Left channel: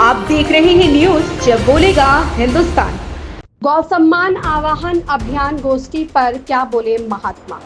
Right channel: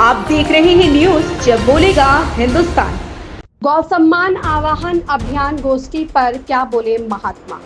आप देख रहे हैं न्यूज जब बोलेगा हिंदुस्तान। गौ सम्मान आवाहन अभियान गोष्ठी पर क्या बोले महात्मा।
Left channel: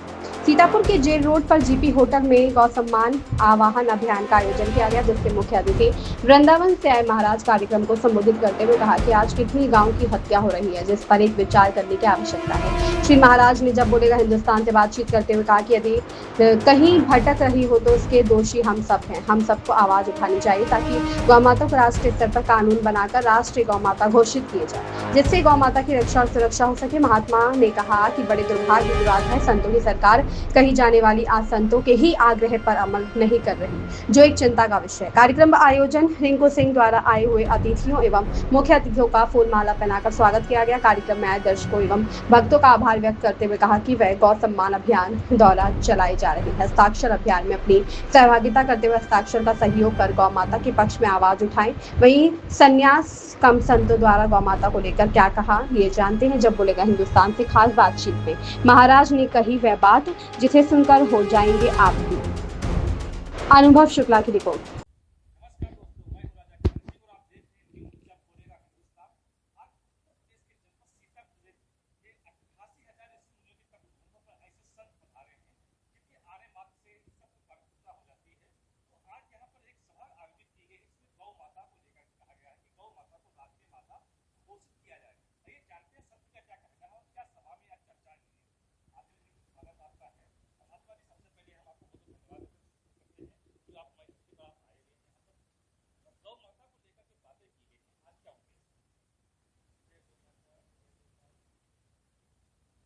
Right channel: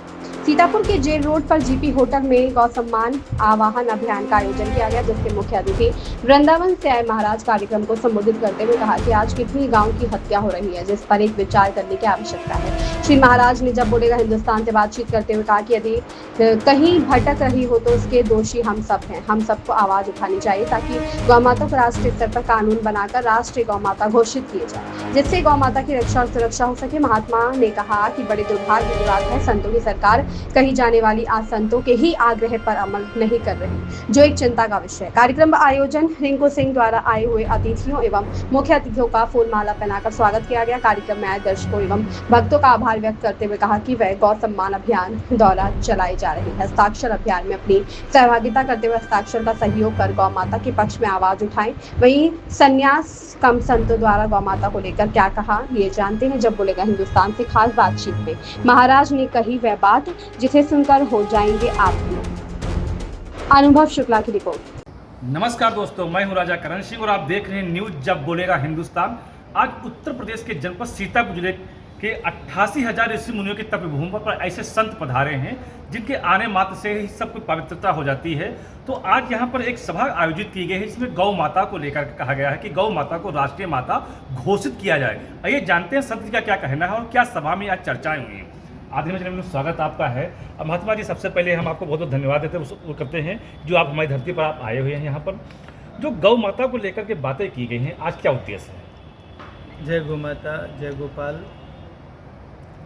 सीतापुर के जेल रोड पर जीपी होटल में गौ सम्मान आवाहन अभियान का आयोजन किया गया, जिसके मुख्य अतिथि वृंदावन से आए महाराज कार्यक्रम को संबोधित करते हुए कहा कि आज कितनी गांव की हत्या हो रही है, जिस पर एक विचार करने की आवश्यकता है। श्री महाराज ने जब बोलेगा हिंदुस्तान से बातचीत करते हुए कहा कि यदि कहीं भटक रही हो तो उसके दोषी हम सब हैं। हम सबको आवाज उठानी चाहिए ताकि गौ माता को राष्ट्रीय स्तर पर कानून बनाकर राष्ट्रीय गौ माता घोषित किए जाए, जिससे गौ माता की रक्षा और सुरक्षा हो सके। महात्मा ने कहा कि बड़े दुर्भाग्य की बात है, संतों की सरकार कही जाने वाली आज संतों के ही आग्रह पर अमल नहीं कर रही, जो एक चिंता का विषय है। कार्यक्रम का आयोजन रिंकू सिंह द्वारा आए हुए अतिथियों एवं मुख्य अतिथियों का फूल माला पहनाकर स्वागत किया गया। कार्यक्रम में आए दर्शकों एवं भक्तों का आभार व्यक्त करते हुए कहा कि वह गौ सम्मान अभियान द्वारा चलाई जा रही हस्ताक्षर अभियान में अपनी सहभागिता करते हुए हस्ताक्षर का सहयोग कर गौ माता के पक्ष में आवाज उठाएं। वहीं संन्यास कम संतों द्वारा गौ माता को लेकर क्या कहा, ये जानते हैं जब बोलेगा हिंदुस्तान से खास बातचीत में। महाराज ने कही वह बात जिसे सुनकर हो जाएंगे आप भी। अनुभव शुक्ला की रिपोर्ट। नमस्कार दोस्तों, मैं हूं राजा करण सिंह और आप देख रहे हैं न्यूज जब बोलेगा हिंदुस्तान। आज उत्तर प्रदेश के जनपद सीतापुर जिले के 88,000 ऋषि मुनियों की तपभूमि पर ऐसे संत पधारे हैं जिनके आने मात्र से ही सब कुछ पवित्रता हो जाती है। तो आज यहाँ पर एक सभा आयोजित की गई है जिसमें गौ माता को लेकर कहा गया है कि गौ माता को राष्ट्रीय माता घोषित किया जाए। आइए जानते हैं संत जी का क्या कहना है और क्या सभा में आज चर्चाएं हुई हैं। आदि में स्वागत आपका है। अब महात्मा जी, सबसे पहले हम आपको बहुत बहुत धन्यवाद देते हैं, वो करते हैं जो आप हमारी धरती पर आप आए हुए हैं। यहाँ पर जो गौ माता को लेकर के बातें की गई हैं, आज क्या उद्देश्य है? जय गौ माता, जय गोपाल।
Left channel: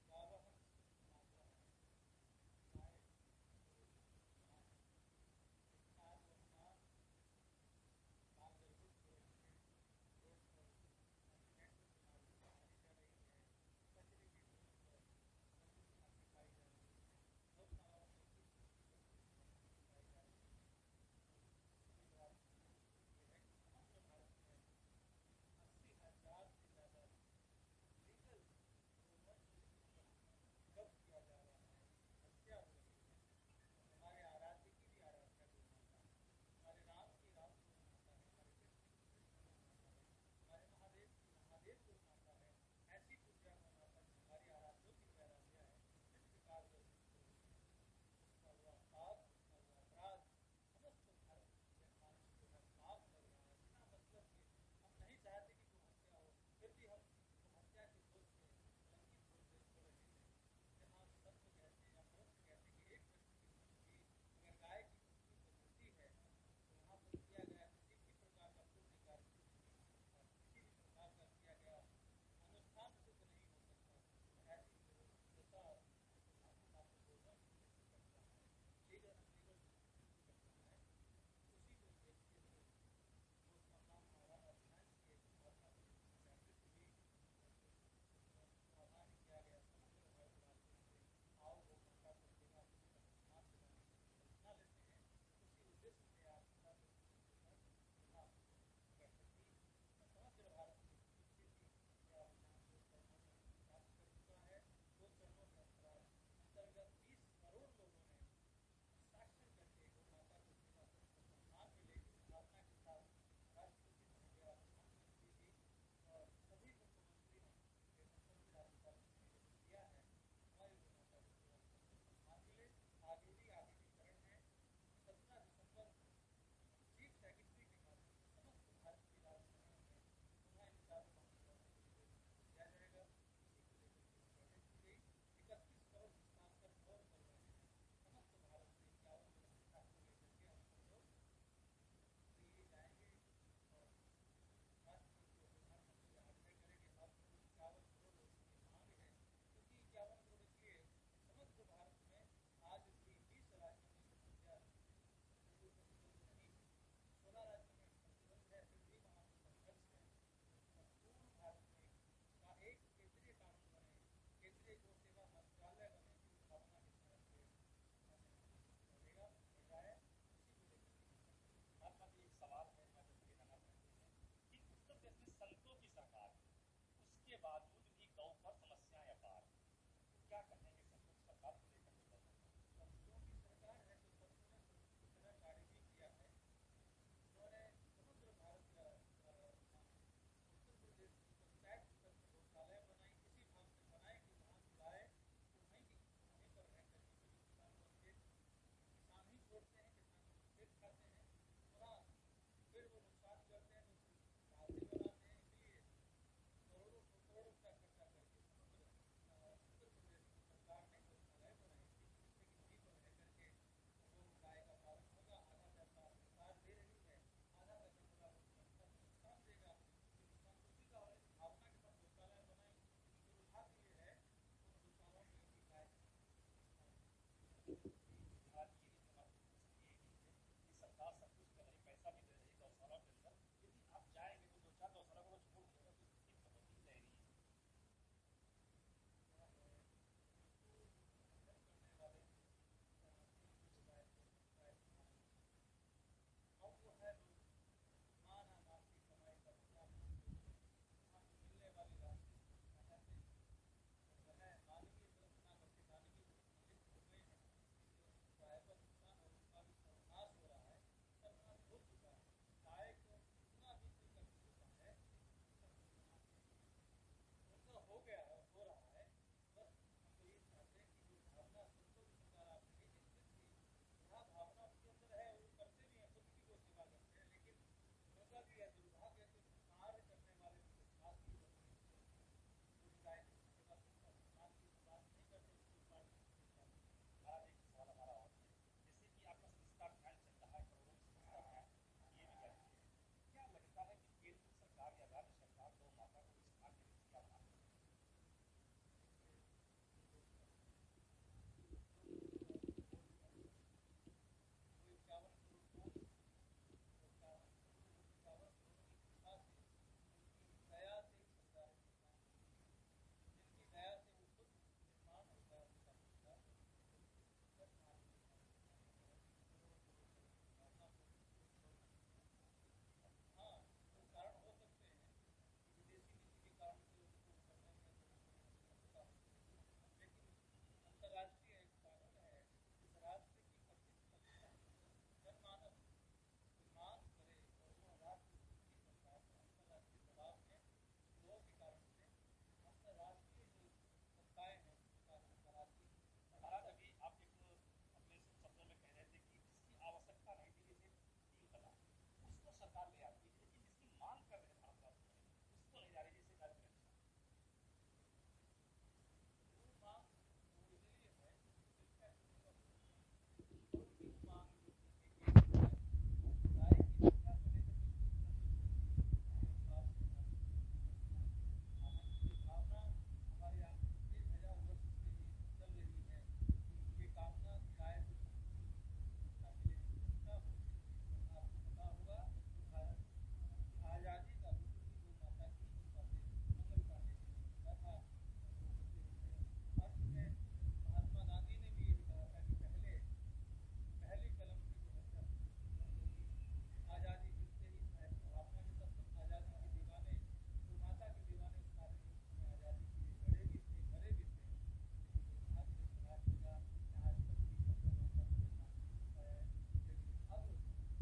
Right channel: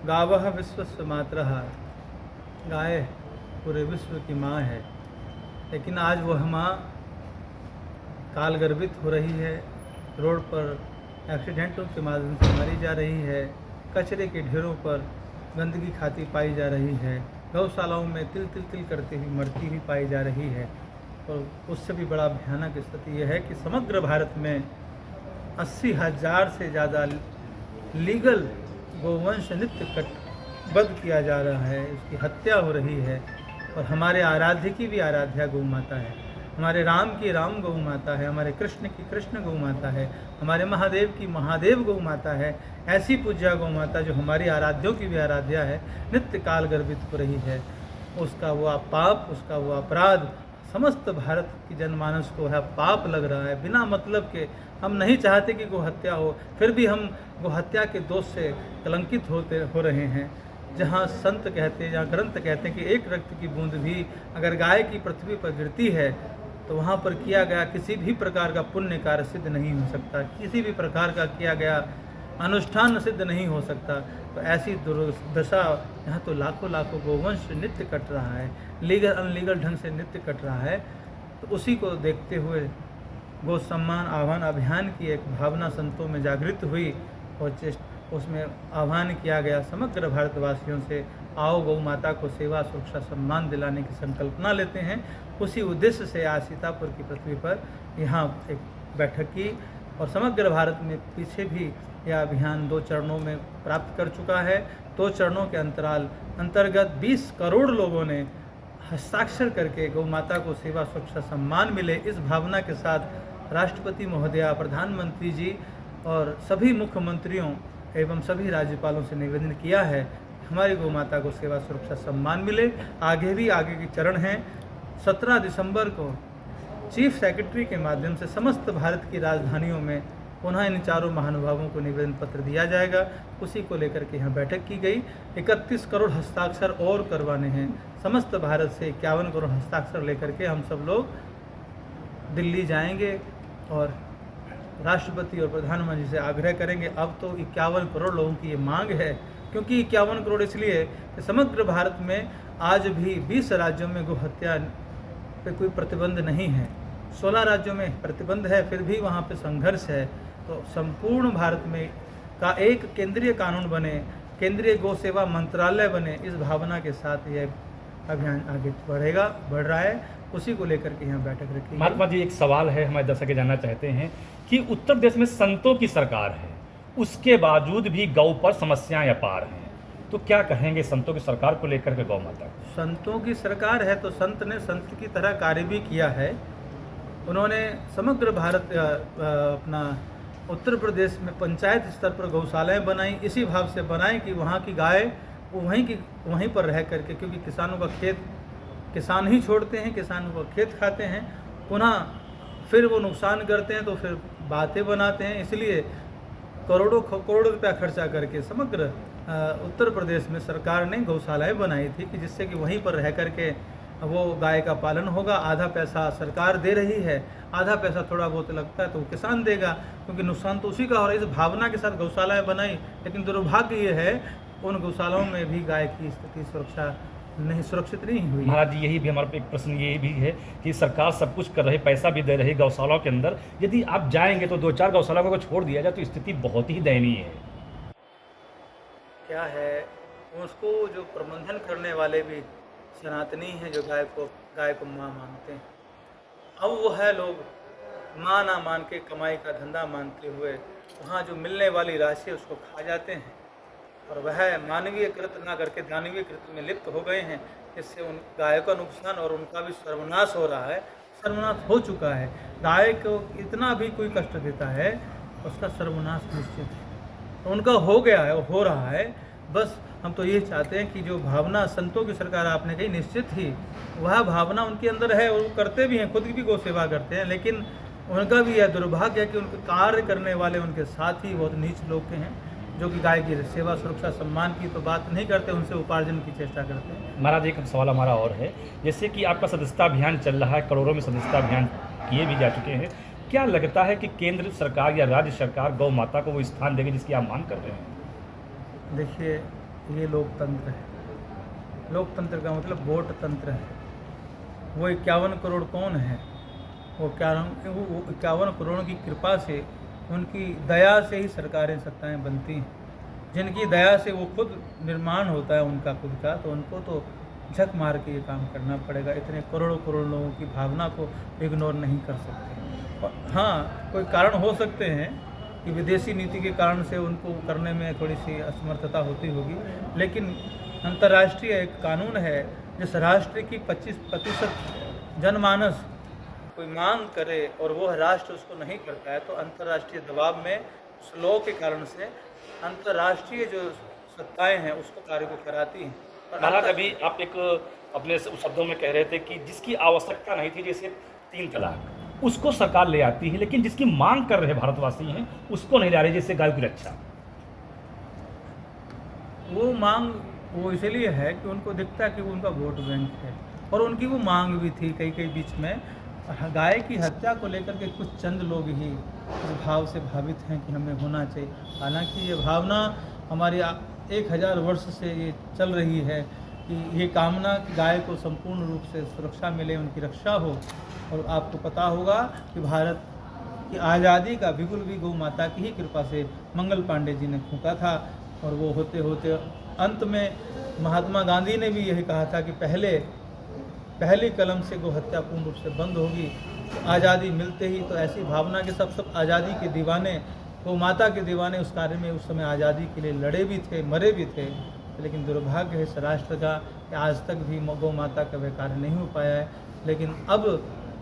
गावः विश्वस्य मातरः, गाय पूरे विश्व की माँ है, लेकिन आज वह माँ काल गर्भित हो रही है। रोड पर एक्सीडेंटों के माध्यम से मारी जा रही है, कचरे के ढेरों पर गंदगी खाती पाई जा रही है, गौशालाओं में तिल तिल तिल करते हुए मरती हुई पाई जा रही है। और उससे भी बड़ा भयानक स्थिति यह है कि समग्र भारत में 80,000 से ज़्यादा लीगल गोवंश नित्य कटबद्ध किया जा रहा है, उसकी हत्या हो रही है। और हमारे आराध्य की भी आराध्या गौ माता है, हमारे राम की राम गौ माता है, हमारे कृष्ण की कृष्ण गौ माता है, हमारे महादेव की महादेव गौ माता है। ऐसी पूज्या गौ माता जो हमारी आराध्यों की भी आराध्या है, नित्य काल गर्भित हो रही है। उसका वो पाप, उसका वो अपराध समस्त भारत की जनमानस को है पाप लग रहा है। बिना मतलब के हम नहीं चाहते कि गौ हत्या हो, फिर भी हम गौ हत्या के दोष से कलंकित हो रहे हैं। जहाँ संत कहते हैं, जहाँ ग्रंथ कहते हैं कि एक रक्त की बूंद भी अगर गाय की पृथ्वी पर गिरती है तो वहाँ पर किया गया किसी भी प्रकार का पुण्य कार्य सिद्ध नहीं हो सकता, किसी भी प्रकार का किया गया अनुष्ठान सिद्ध नहीं हो सकता। तो ऐसी दुर्दशा यहाँ तो लाखों लाखों गोवंश नित्य कट रहा है, लीगल अनलीगल ढंग से नित्य कट रहा है। तो उसी को देखते हुए गौ सम्मान आह्वान अभियान की एक भावना संतों में जागृत हुई और उसमें आह्वान किया गया समग्र भारतवासियों से, आओ गौ माता को सेवा सुरक्षा सम्मान दिलाने की संकल्पना लेते हैं। उसी उद्देश्य से आज सीतापुर की पृथ्वी पर यहाँ एक बैठक की और समग्र भारत में पीछे भी यह अभियान 2 चरणों में प्राप्त कर चुका है। 2 चरणों के अंतर्गत 20 करोड़ लोगों ने हस्ताक्षर करके गौ माता को सेवा सुरक्षा सम्मान मिले, इस भावना के साथ राष्ट्रपति महोदया, प्रधानमंत्री जी और सभी मुख्यमंत्रियों एवं सभी राज्यपालों से निवेदन किया है हमारी गौ माता को सेवा सुरक्षा सम्मान मिले। आगे भी आगे के चरण हैं। 17 दिसंबर को चीफ सेक्रेटरी के माध्यम से समस्त भारत की राजधानियों में पुनः इन चारों महानुभावों को निवेदन पत्र दिया जाएगा। उसी को लेकर के यहाँ बैठक की गई। 31 करोड़ हस्ताक्षर और करवाने हैं। समस्त भारत से 51 करोड़ हस्ताक्षर लेकर के हम सब लोग दिल्ली जाएंगे और राष्ट्रपति और प्रधानमंत्री से आग्रह करेंगे। अब तो 51 करोड़ लोगों की ये मांग है, क्योंकि 51 करोड़ इसलिए कि समग्र भारत में आज भी 20 राज्यों में गौ हत्या पे कोई प्रतिबंध नहीं है, 16 राज्यों में प्रतिबंध है, फिर भी वहाँ पे संघर्ष है। तो संपूर्ण भारत में का एक केंद्रीय कानून बने, केंद्रीय गौ सेवा मंत्रालय बने, इस भावना के साथ यह अभियान आगे बढ़ रहा है। उसी को लेकर के यहाँ बैठक रखी। महात्मा जी, एक सवाल है, हमारे दर्शक जानना चाहते हैं कि उत्तर प्रदेश में संतों की सरकार है, उसके बावजूद भी गौ पर समस्याएं अपार हैं, तो क्या कहेंगे संतों की सरकार को लेकर के गौ माता? संतों की सरकार है तो संत ने संत की तरह कार्य भी किया है। उन्होंने समग्र भारत अपना उत्तर प्रदेश में पंचायत स्तर पर गौशालाएं बनाई, इसी भाव से बनाई कि वहाँ की गाय वो वहीं पर रह करके, क्योंकि किसानों का खेत किसान ही छोड़ते हैं, किसानों का खेत खाते हैं, पुनः फिर वो नुकसान करते हैं तो फिर बातें बनाते हैं। इसलिए करोड़ों रुपया खर्चा करके समग्र उत्तर प्रदेश में सरकार ने गौशालाएं बनाई थी कि जिससे कि वहीं पर रह करके वो गाय का पालन होगा। आधा पैसा सरकार दे रही है, आधा पैसा थोड़ा बहुत लगता है तो वो किसान देगा, क्योंकि नुकसान तो उसी का हो रहा है। इस भावना के साथ गौशालाएं बनाई, लेकिन दुर्भाग्य ये है उन गौशालाओं में भी गाय की स्थिति सुरक्षित नहीं हुई। महाराज जी, यही भी हमारा एक प्रश्न ये भी है कि सरकार सब कुछ कर रही, पैसा भी दे रही गौशालाओं के अंदर, यदि आप जाएंगे तो 2-4 गौशालाओं को छोड़ दिया जाए तो स्थिति बहुत ही दयनीय है। क्या है, उसको जो प्रबंधन करने वाले भी सनातनी हैं, जो गाय को माँ मानते हैं। अब वो है लोग माँ ना मान के कमाई का धंधा मानते हुए वहाँ जो मिलने वाली राशि उसको खा जाते हैं, और वह मानवीय कृत्य ना करके दानवीय कृत्य में लिप्त हो गए हैं, जिससे उन गायों का नुकसान और उनका भी सर्वनाश हो रहा है, सर्वनाश हो चुका है। गाय को इतना भी कोई कष्ट देता है उसका सर्वनाश निश्चित है, तो उनका हो गया है, हो रहा है। बस हम तो ये चाहते हैं कि जो भावना संतों की सरकार आपने कही, निश्चित ही वह भावना उनके अंदर है और वो करते भी हैं, खुद की भी गौ सेवा करते हैं, लेकिन उनका भी यह दुर्भाग्य है कि उनके कार्य करने वाले उनके साथ ही बहुत नीच लोग के हैं, जो कि गाय की सेवा सुरक्षा सम्मान की तो बात नहीं करते, उनसे उपार्जन की चेष्टा करते हैं। महाराज, एक सवाल हमारा और है, जैसे कि आपका सदस्यता अभियान चल रहा है, करोड़ों में सदस्यता अभियान किए भी जा चुके हैं, क्या लगता है कि केंद्र सरकार या राज्य सरकार गौ माता को वो स्थान देगी जिसकी आप मांग कर रहे हैं? देखिए, ये लोकतंत्र है। लोकतंत्र का मतलब वोट तंत्र है। वो 51 करोड़ कौन है? वो 51 करोड़ की कृपा से, उनकी दया से ही सरकारें सत्ताएं बनती हैं। जिनकी दया से वो खुद निर्माण होता है उनका खुद का, तो उनको तो झक मार के ये काम करना पड़ेगा। इतने करोड़ों लोगों की भावना को इग्नोर नहीं कर सकते। और हाँ, कोई कारण हो सकते हैं कि विदेशी नीति के कारण से उनको करने में थोड़ी सी असमर्थता होती होगी, लेकिन अंतर्राष्ट्रीय एक कानून है, जिस राष्ट्र की 25% जनमानस कोई मांग करे और वो राष्ट्र उसको नहीं करता है, तो अंतर्राष्ट्रीय दबाव में उस लॉ के कारण से अंतर्राष्ट्रीय जो सत्ताएं हैं उसको कार्य को कराती हैं। महाराज, अभी आप एक अपने शब्दों में कह रहे थे कि जिसकी आवश्यकता नहीं थी, जैसे 3 तलाक, उसको सरकार ले आती है, लेकिन जिसकी मांग कर रहे भारतवासी हैं उसको नहीं ला रही, जैसे गायों की रक्षा। वो मांग वो इसलिए है कि उनको दिखता है कि वो उनका वोट बैंक है, और उनकी वो मांग भी थी कई बीच में। गाय की हत्या को लेकर के कुछ चंद लोग ही इस भाव से भावित हैं कि हमें होना चाहिए। हालांकि ये भावना हमारी 1000 वर्ष से ये चल रही है कि ये कामना कि गाय को संपूर्ण रूप से सुरक्षा मिले, उनकी रक्षा हो। और आपको पता होगा कि भारत की आज़ादी का बिगुल भी गौ माता की ही कृपा से मंगल पांडे जी ने फूंका था, और वो होते होते अंत में महात्मा गांधी ने भी यही कहा था कि पहली कलम से गौ हत्या पूर्ण रूप से बंद होगी। तो आज़ादी मिलते ही तो ऐसी भावना के सब आज़ादी के दीवाने, गौ माता के दीवाने उस कार्य में उस समय आज़ादी के लिए लड़े भी थे, मरे भी थे। लेकिन दुर्भाग्य है इस राष्ट्र का कि आज तक भी गौ माता का वह कार्य नहीं हो पाया है, लेकिन अब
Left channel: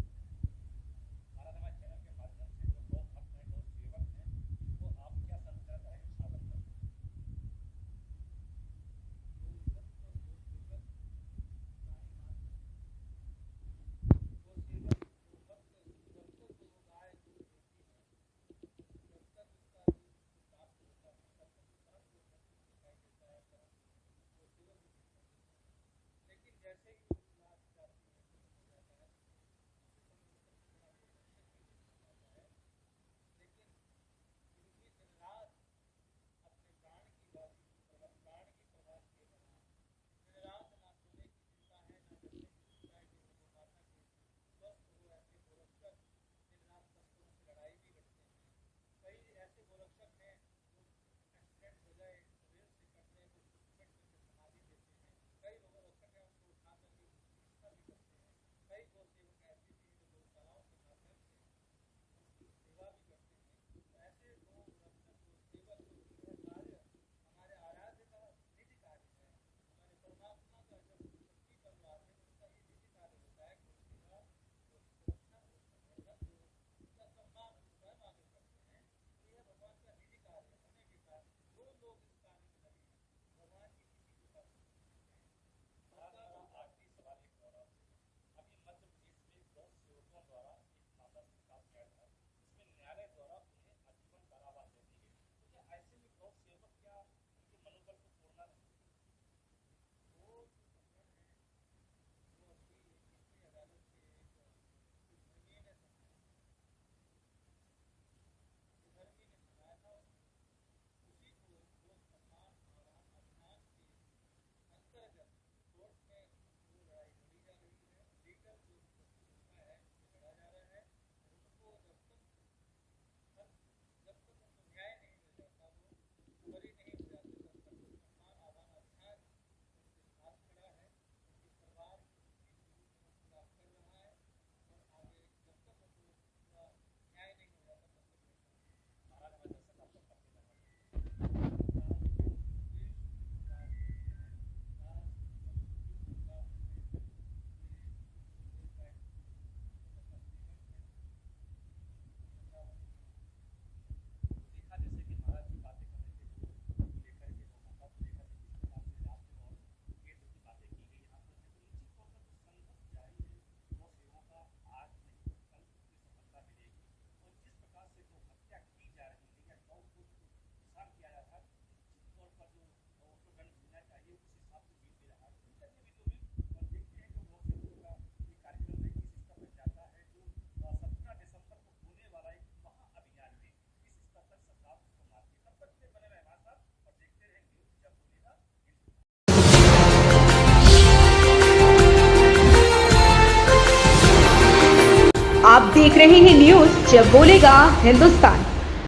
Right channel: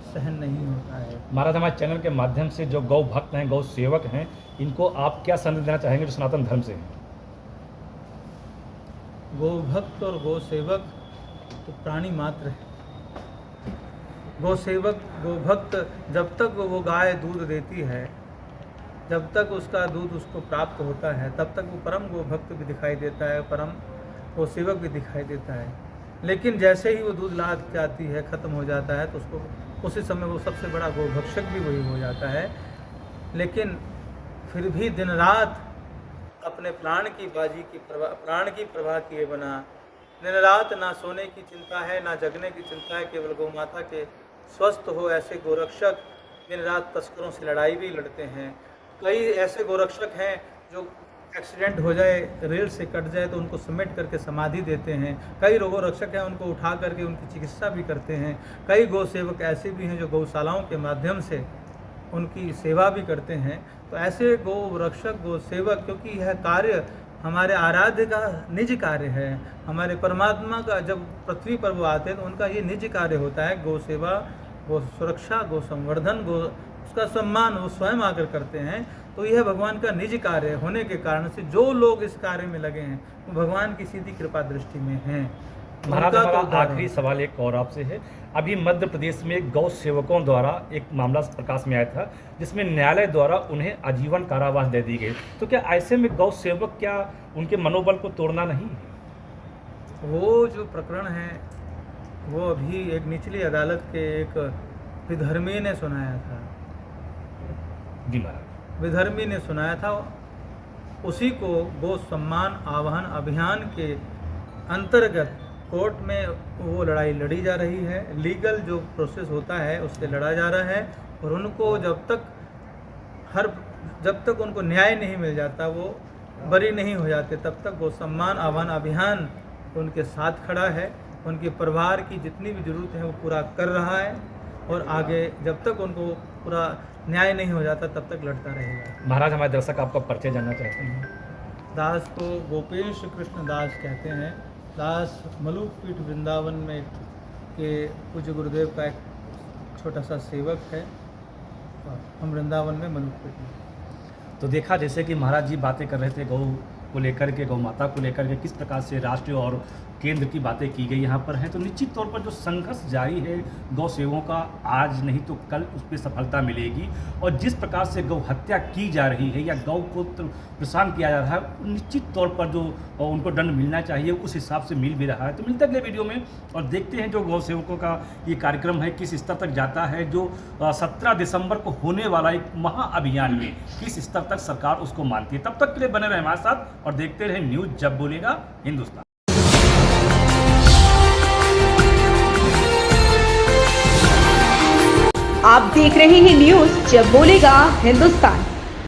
सहन नहीं होता है। महाराज, हमारे चैनल के माध्यम से जो गौ भक्त हैं, गौ सेवक हैं, इनको आप क्या संदेश देना चाहेंगे जो सनातन धर्म से हैं? गौ भक्त और गौ सेवक तो प्राणी मात्र है। गौ सेवक, गौ भक्त, जब तक वो गाय दूध देती है, जब तक उसका दूध उसको प्राप्त होता है, तब तक वो परम गौ भक्त भी दिखाई देता है, परम गौ सेवक भी दिखाई देता है। लेकिन जैसे ही वो दूध लाद जाती है, ख़त्म हो जाता है, तो उसको उसी समय वो सबसे बड़ा गौ भक्षक भी वही हो जाता है। लेकिन फिर भी दिन रात अपने प्राण की प्रवाह किए बना, दिन रात ना सोने की चिंता है, ना जगने की चिंता है, केवल गौ माता के स्वस्थ हो ऐसे गोरक्षक दिन रात तस्करों से लड़ाई भी लड़ते हैं। कई ऐसे गोरक्षक हैं जो एक्सीडेंट हो जाए, रेल से कट जाए तो उनको समेट करके समाधि देते हैं। कई गोरक्षक हैं उनको उठा करके उनकी चिकित्सा भी करते हैं। कई गौ सेवक ऐसे भी हैं जो गौशालाओं के माध्यम से उनकी सेवा भी करते हैं। तो ऐसे गौ रक्षक, गौ सेवक, क्योंकि यह कार्य हमारे आराध्य का निज कार्य है, हमारे परमात्मा का जब पृथ्वी पर वो आते हैं तो उनका ये निज कार्य होता है गौ सेवा, गो सुरक्षा, गो संवर्धन, गो उसका सम्मान वो स्वयं आकर करते हैं। तो यह भगवान का निज कार्य होने के कारण से जो लोग इस कार्य में लगे हैं वो भगवान की सीधी कृपा दृष्टि में हैं। महाराज, उनका तो हमारा उद्धार आखिरी हो। सवाल एक और आपसे है। अभी मध्य प्रदेश में गौ सेवकों द्वारा एक मामला प्रकाश में आया था जिसमें न्यायालय द्वारा उन्हें आजीवन कारावास दे दी गई। तो क्या ऐसे में गौ सेवक, क्या उनके मनोबल को तोड़ना नहीं? वो जो प्रकरण है वो अभी एक निचली अदालत के एक विधर्मी ने सुनाया था। जी महाराज। विधर्मी ने सुनाया था, उसी को गो सम्मान आवाहन अभियान के अंतर्गत कोर्ट में वो लड़ाई लड़ी जा रही है। लीगल जो प्रोसेस होता है उससे लड़ा जा रहा है और उनको जब तक उनको न्याय नहीं मिल जाता, वो बरी नहीं हो जाते, तब तक गो सम्मान आह्वान अभियान उनके साथ खड़ा है। उनके परिवार की जितनी भी ज़रूरत है वो पूरा कर रहा है और आगे जब तक उनको पूरा न्याय नहीं हो जाता तब तक लड़ता रहेगा। महाराज, हमारे दर्शक आपका परिचय जानना चाहते हैं। दास को गोपेश कृष्ण दास कहते हैं। दास मलुक पीठ वृंदावन में के पूज्य गुरुदेव का एक छोटा सा सेवक है। हम वृंदावन में मलुक पीठ में। तो देखा जैसे कि महाराज जी बातें कर रहे थे गौ को लेकर के, गौ माता को लेकर के, किस प्रकार से राष्ट्रीय और केंद्र की बातें की गई यहाँ पर हैं। तो निश्चित तौर पर जो संघर्ष जारी है गौ सेवकों का, आज नहीं तो कल उस पर सफलता मिलेगी। और जिस प्रकार से गौ हत्या की जा रही है या गौ को परेशान किया जा रहा है, निश्चित तौर पर जो उनको दंड मिलना चाहिए उस हिसाब से मिल भी रहा है। तो मिलते अगले वीडियो में और देखते हैं जो गौ सेवकों का ये कार्यक्रम है किस स्तर तक जाता है। जो 17 दिसंबर को होने वाला एक महाअभियान में किस स्तर तक सरकार उसको मानती है। तब तक के लिए बने रहे हमारे साथ और देखते रहे न्यूज़ जब बोलेगा हिंदुस्तान। आप देख रहे हैं न्यूज़ जब बोलेगा हिंदुस्तान।